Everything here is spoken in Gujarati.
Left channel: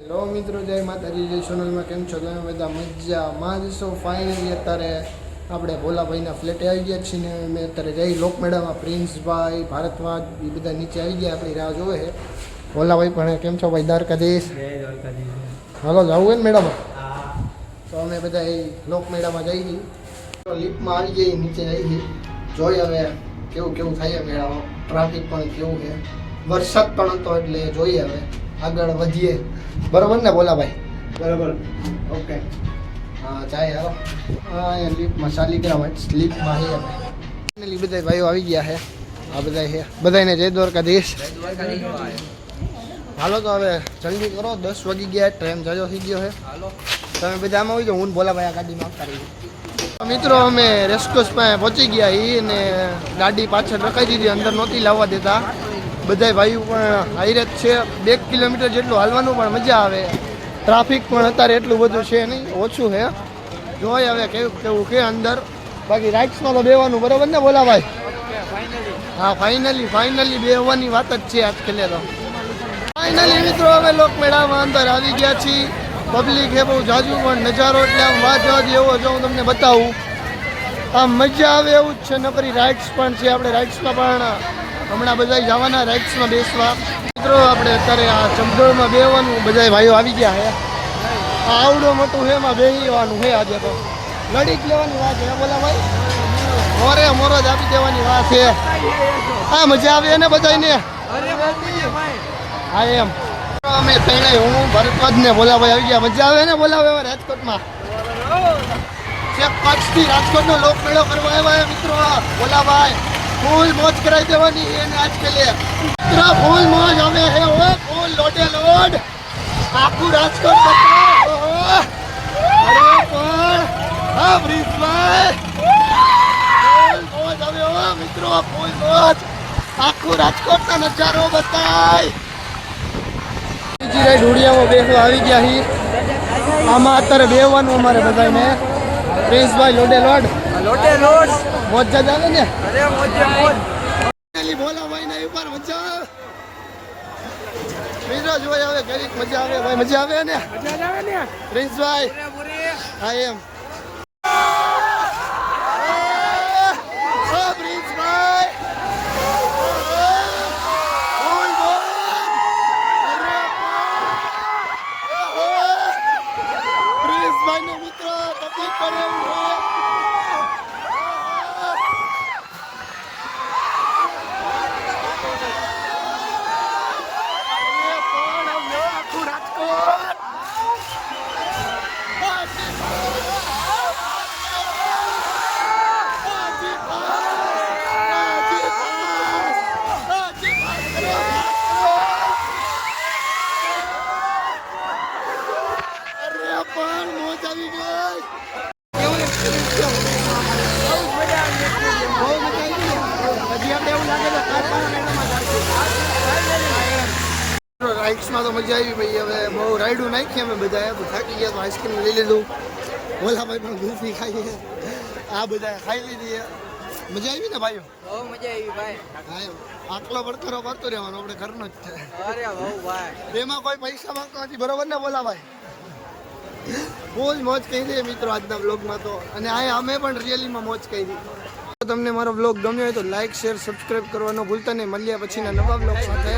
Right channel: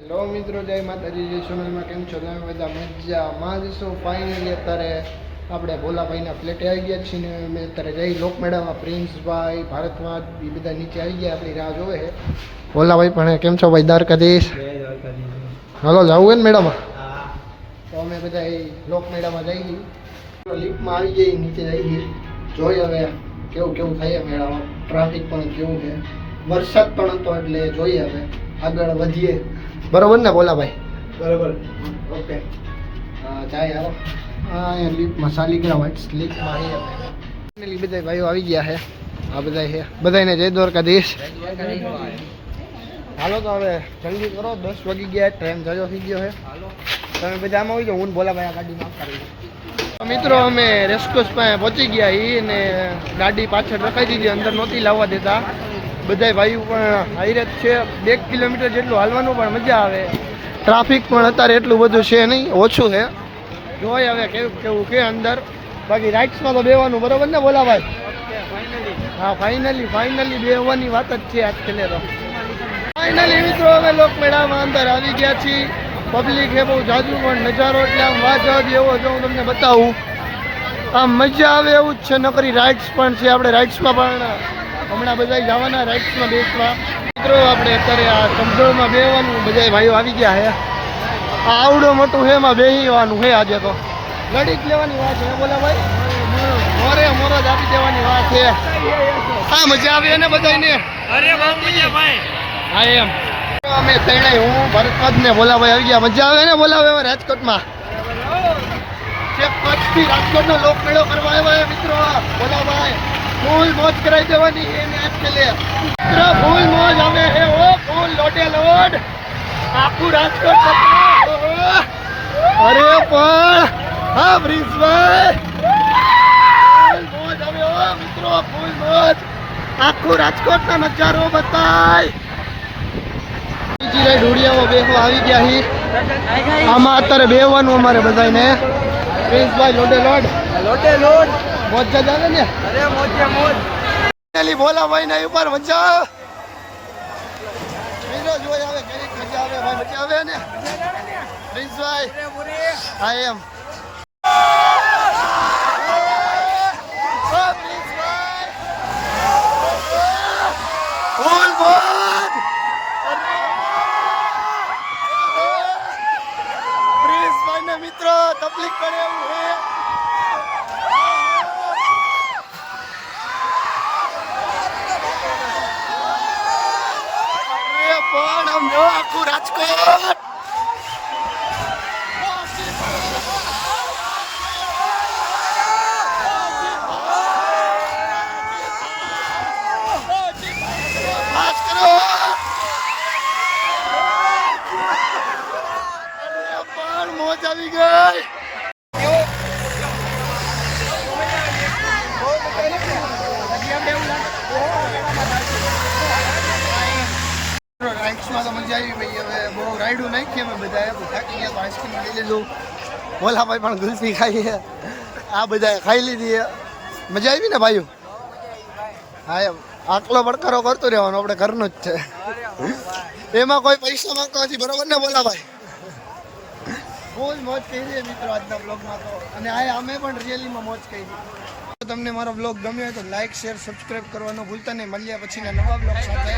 હેલો મિત્રો, જય માતાજી, જય સોનલમાં. કેમ છો તમે બધા? મજામાં જ છો? ફાઇનલી અત્યારે આપણે ભોલાભાઈના ફ્લેટે આવી ગયા છીએ ને મેં અત્યારે જઈ લોક મેળામાં પ્રિન્સભાઈ, ભારતવાજ એ બધા નીચે આવી ગયા, આપણી રાહ જોવે છે. ભોલાભાઈ પણ કેમ છો ભાઈ? દ્વારકાધીશ. હાલો જવું હોય ને મેળામાં? તો અમે બધા એ લોક મેળામાં જઈએ, લિફ્ટમાં આવી જઈએ, નીચે જઈએ, જોઈએ હવે કેવું કેવું થાય મેળામાં. ટ્રાફિક પણ કેવું છે, વરસાદ પણ હતો એટલે જોઈએ હવે આગળ વધીએ. બરોબર ને ભોલાભાઈ? બરોબર. ઓકે. હા જાય હાલો. હા અહીંયા લિફ્ટમાં શાલિગ્રામ લિફ્ટમાં છે. ફાઇનલી બધા ભાઈઓ આવી ગયા છે. આ બધા છે, બધાને જય દ્વારકાધીશ. હાલો તો હવે જલ્દી કરો, 10 વાગી ગયા, ટ્રેન જાજો થઈ ગયો છે. તમે બધા આમાં હોય તો હું ભોલાભાઈ આ ગાડીમાં આવતા રહીએ. મિત્રો અમે રેસકોર્સ પાસે પહોંચી ગયા છીએ ને ગાડી પાછળ રખાઈ દીધી, અંદર નહોતી લાવવા દેતા. બધા ભાઈઓ પણ હાઈરે જ છે, 2 કિલોમીટર જેટલું હાલવાનું, પણ મજા આવે. ટ્રાફિક પણ અત્યારે એટલું બધું છે નહીં, ઓછું છે. જોઈએ હવે કેવું કેવું છે અંદર. બાકી રાઇડ્સમાં તો બેવાનું બરોબર ને ભોલાભાઈ? હા ફાઇનલી બેવાની વાત જ છે આજ ખેલે તો. ફાઇનલી મિત્રો અમે લોકમેળામાં અંદર આવી ગયા છીએ. પબ્લિક છે બહુ જાજુ, પણ નજારો એટલે આમ વાત એવો જો હું તમને બતાવું, આમ મજા આવે એવું જ છે. નકરી રાઇડ્સ પણ છે, આપણે રાઇડ્સમાં પણ હમણાં બધા જવાના રાઇડ્સમાં બેસવા. મિત્રો આપણે અત્યારે આ ચંપલમાં બેસવાનું, બધા ભાઈઓ આવી ગયા છે. આ આવડો મોટું છે, એમાં બેસવાનું છે. આજે તો લડી જ લેવાની વાત છે બોલા ભાઈ, મોરો જ આપી દેવાની વાત છે. હા મજા આવે ને બધાને? હા એમ અમે ત્રણેય, હું ભરતવાજ ને ભોલાભાઈ આવી ગયા. મજા આવે ને ભોલાભાઈ રાજકોટમાં? કચ્છથી રાજકોટનો લોકમેળો કરવા આવ્યા મિત્રો ભોલાભાઈ. ફૂલ મોજ કરાવી દેવાની એને આજ કે લે મિત્રો, ફૂલ મોજ આવે હે ઓ, ફૂલ લોટે લોડ આખું રાજકોટ પકડો. અરે પણ હા બ્રિજભાઈ, ફૂલ મોજ આવે ઓ મિત્રો, ફૂલ મોજ. આખું રાજકોટનો નજારો બતાય. બીજી રાઈડ ઉડિયામાં બેસવા આવી ગયા હી. આમાં અત્યારે બેસવાનું અમારે બધાને. પ્રિન્સભાઈ લોટે લોડ મોજ જ આવે ને? અરે મોજે મોજ. ભોલાભાઈ ના ઉપર મજા મિત્રો જોઈ આવે કેવી મજા આવે ભાઈ? મજા આવે ને? પ્રિન્સભાઈ હા એમ. પ્રિન્સભાઈ પ્રિન્સભાઈ ને મિત્રો તકલીફ પડે એવું છે. આખું રાજકોટ પણ મોજ આવી ગઈ. બહુ મજા આવી ને? હજી આપણે એવું લાગે તો કાલકા મેળામાં જઈશું. રાઇડ્સમાં તો મજા આવી ભાઈ. હવે બહુ રાઈડું નાખી અમે બધા, થાકી ગયા તો આઈસ્ક્રીમ લઈ લીધું. ભોલાભાઈ પણ ગુલ્ફી ખાઈએ, આ બધા ખાઈ લીધી. મજા આવી ને ભાઈઓ? હા એમ આકલો પડકારો કરતો રહેવાનો, આપણે ઘરનું જ છે. એમાં કોઈ પૈસા માંગતો નથી બરોબર ને ભોલાભાઈ? ફૂલ મોજ કરી મિત્રો આજના બ્લોગમાં તો. અને આ અમે પણ રિયલીમાં મોજ કરી. તમને મારો બ્લોગ ગમ્યો હોય તો લાઈક, શેર, સબસ્ક્રાઈબ કરવાનો ભૂલતા નહીં. મળ્યા પછીના નવા બ્લોગ સાથે.